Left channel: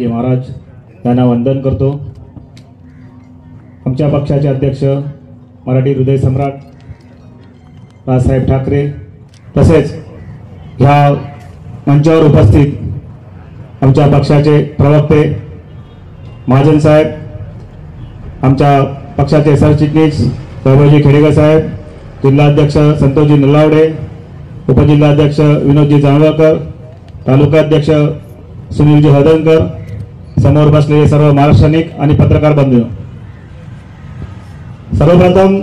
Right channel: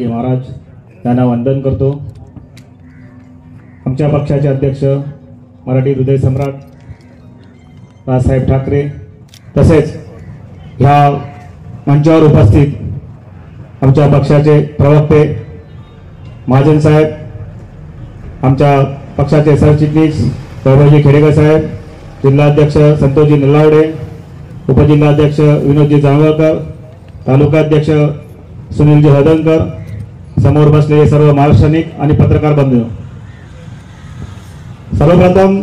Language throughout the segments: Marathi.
महाराज यांना वंदन करतो। आमच्या पक्षाचे अध्यक्ष मराठी हृदय सम्राट राजसाहेब ठाकरे तसेच ह्या मंचावर उपस्थित आमच्या पक्षाचे प्रवक्ते महाजन साहेब, आमच्या पक्षाचे सरचिटणीस वैभवजी खेडेकर साहेब, जिल्हाध्यक्ष संतोषजी नलावडे, उपजिल्हाध्यक्ष विनोदजी जांभळकर, तालुकाध्यक्ष सुनीलजी हदनकर, समोर बसलेले सर्व महाराष्ट्रानिक आणि पत्रकार बंधू, सर्वप्रथम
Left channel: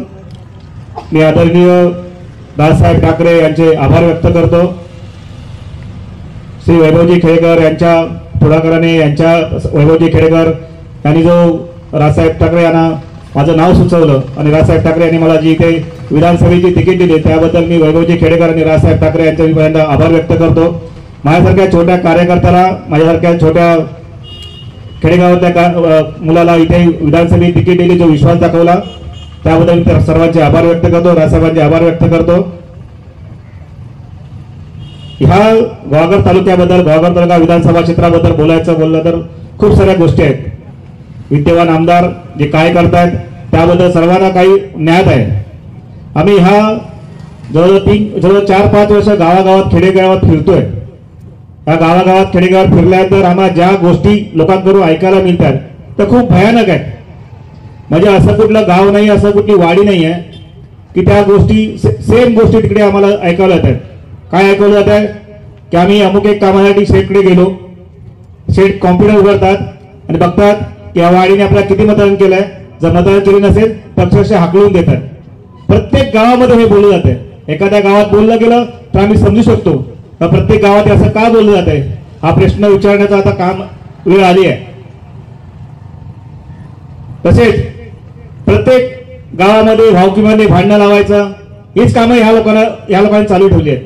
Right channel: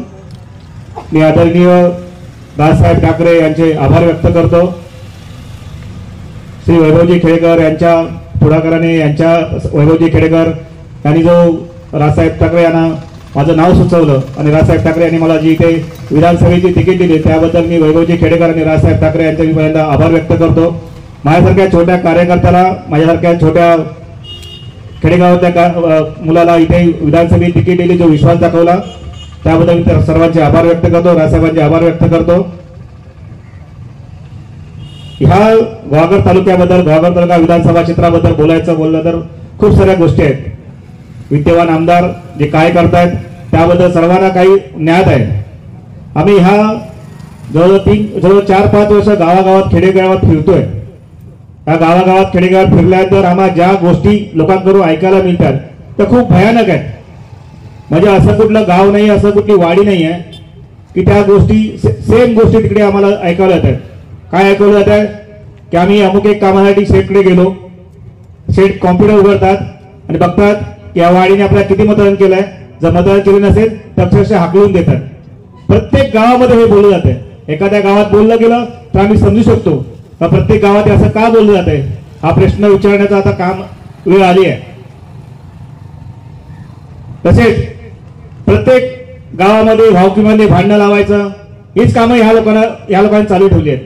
मी आदरणीय राजसाहेब ठाकरे यांचे आभार व्यक्त करतो। श्री वैभवजी खेडेकर यांच्या पुढाकाराने वैभवजी खेडेकर यांनी जो राजसाहेब ठाकरे यांना माझं नाव सुचवलं आणि राजसाहेब ठाकरे यांनी मला जी इथे विधानसभेची तिकीट दिली त्याबद्दल मी वैभवजी खेडेकर आणि राजसाहेब ठाकरे यांचे पहिल्यांदा आभार व्यक्त करतो। माझ्यासारख्या छोट्या कार्यकर्त्याला, माझ्यासारख्या छोट्या खेडेगावातल्या मुलाला इथे विधानसभेची तिकीट दिली, जो विश्वास दाखवला त्याबद्दल मी सर्वांचे आभार व्यक्त करतो, राजसाहेबांचे आभार व्यक्त करतो। ह्या गावाघर तालुक्याबद्दल, गावाघर तालुका विधानसभा क्षेत्राबद्दल बोलायचं म्हणलं तर खूप साऱ्या गोष्टी आहेत। विद्यमान आमदार जे काय करतायत त्याबद्दल सर्वांना काही ज्ञात आहे। आम्ही ह्या जवळ 4-5 वर्ष गावागावात खेडेगावात फिरतोय। या गावागावात खेडेगावात फिरल्यानंतर आम्हाला ज्या गोष्टी लोकांकडून ऐकायला मिळतात त्या खूप भयानक आहेत। म्हणजे असं कुठलं गाव नाही, असं कुठली वाडी नाही आहे की त्या गोष्टी सेम गोष्टी तिकडे आम्हाला ऐकायला येतात। काय ऐकवलं जात आहे की आम्ही अमुक एक कामासाठी शेतकडे गेलो, शेत कॉम्प्युटर उघडतात आणि बघतात की या वाडीने आपल्याला किती मतदान केलंय, जर मतदान केलं नसेल तर अक्षरशः हाकलून देतात। प्रत्येक गावामध्ये हे बोललं जाते। एखाद्या गावात बोललं गेलं तर आम्ही समजू शकतो प्रत्येक गावात असं का बोललं जात आहे, हा प्रश्न विचारण्याचा आता काम वेळ आली आहे। तसेच प्रत्येक गावामध्ये भावकीमध्ये भांडणं लावायचं हीच कामं ह्या लोकांनी चालू ठेवली आहेत।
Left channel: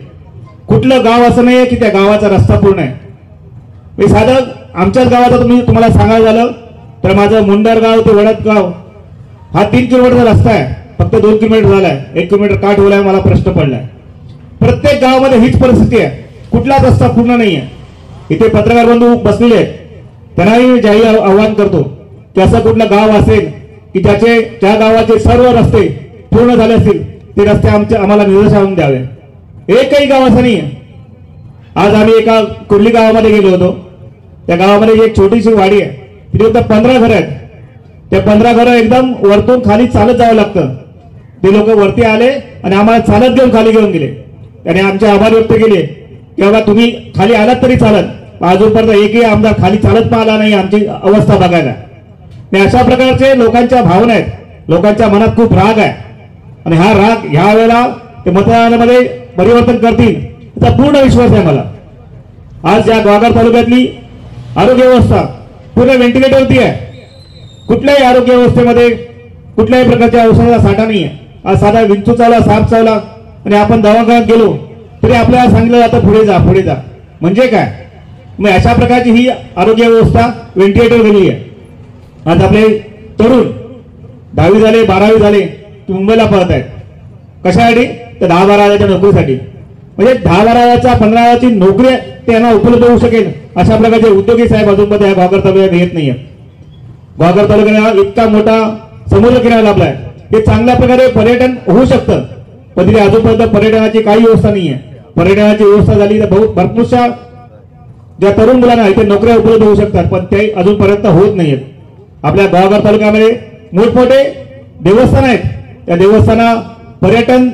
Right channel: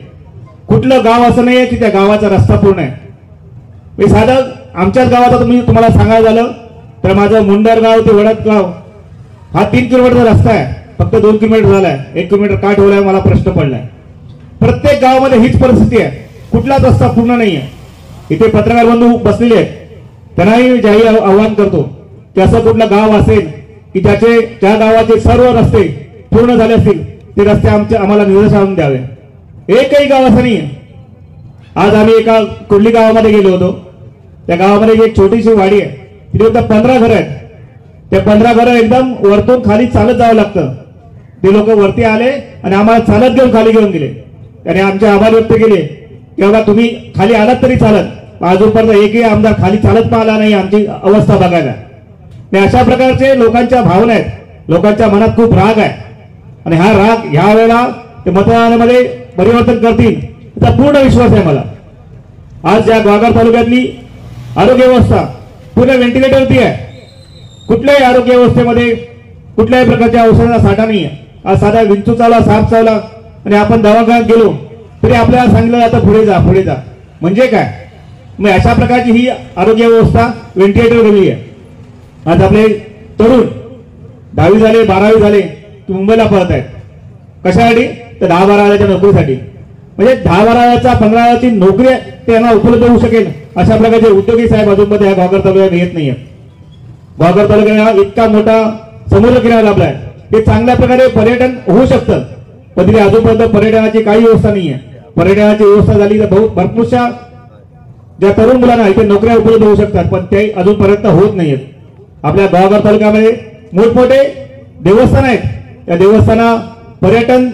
कुठलं गाव असं नाहीये की त्या गावाचा रस्ता पूर्ण आहे। मी साधं आमच्याच गावाचा तुम्हाला सांगायला झालं तर माझं मुंडर गाव ते वडदगाव हा 3 किलोमीटरचा रस्ता आहे, फक्त 2 किलोमीटर झालाय। 1 किलोमीटर का ठेवलाय मला प्रश्न पडलाय। प्रत्येक गावामध्ये हीच परिस्थिती आहे, कुठलाच रस्ता पूर्ण नाहीये। इथे पत्रकार बंधू बसलेले आहेत, त्यांनाही जाहीर आव्हान करतो की असं कुठलं गाव असेल की ज्या गावाचे सर्व रस्ते पूर्ण झाले असतील ते रस्ते आम्हाला निदर्शनास द्यावे। एकही गाव असं नाहीये। आज आम्ही एका कुर्ली गावामध्ये गेलो होतो। त्या गावामध्ये एक छोटीशी वाडी आहे, तिथे फक्त 15 घरं आहेत। त्या 15 घरं एकदम वरतून खाली चालत जावं लागतं। ते लोक वरती आले आणि आम्हाला चालत घेऊन खाली घेऊन गेले। त्याने आमचे आभार व्यक्त केले की बाबा तुम्ही खाली आलात तरी चालत, अजूनपर्यंत एकही आमदार खाली चालत पण आला नाही आमची अवस्था बघायला। अशा प्रकारचे लोकांच्या भावना आहेत, लोकांच्या मनात खूप राग आहे आणि हा राग ह्या वेळेला ते मतदानामध्ये परिवर्तन करतील याचा पूर्ण विश्वास आहे मला। आज या गावाघर तालुक्यातली आरोग्य व्यवस्था पूर्ण व्हेंटिलेटरवरती आहे। कुठल्याही आरोग्य व्यवस्थेमध्ये कुठल्याही प्रकारच्या औषधाचा साठा नाही आहे। आज साधा विंचू चावला, साप चावला आणि आपण दवाखान्यात गेलो तरी आपल्याला सांगितलं जातं पुढे जा पुढे जा। म्हणजे काय, मग अशा प्रकारची ही आरोग्य व्यवस्था व्हेंटिलेटर गेली आहे। आज आपले तरुण 10वी झाले, 12वी झाले की मुंबईला पळत आहेत। कशासाठी? तर 10-12 हजाराच्या नोकरीसाठी। म्हणजे 10-12 हजारचा 15 हजाराची नोकरी त्यांना उपलब्ध होऊ शकेल अशा प्रकारचे उद्योगी साहेब अजूनमध्ये या गावघर तालुक्यात येत नाहीये। गावघर तालुक्याला इतका मोठा समुद्र किनारा लाभलाय, हे चांगल्या प्रकारे पर्यटन होऊ शकतं, पण तिथे अजूनपर्यंत पर्यटनाची काही व्यवस्था नाहीये। पर्यटनाची व्यवस्था झाली तर भरपूरशा ज्या तरुण मुलांना इथे नोकऱ्या उपलब्ध होऊ शकतात, पण ते अजूनपर्यंत होत नाहीयेत। आपल्या गावघर तालुक्यामध्ये मोठमोठे देवस्थान आहेत, त्या देवस्थाना पर्यटन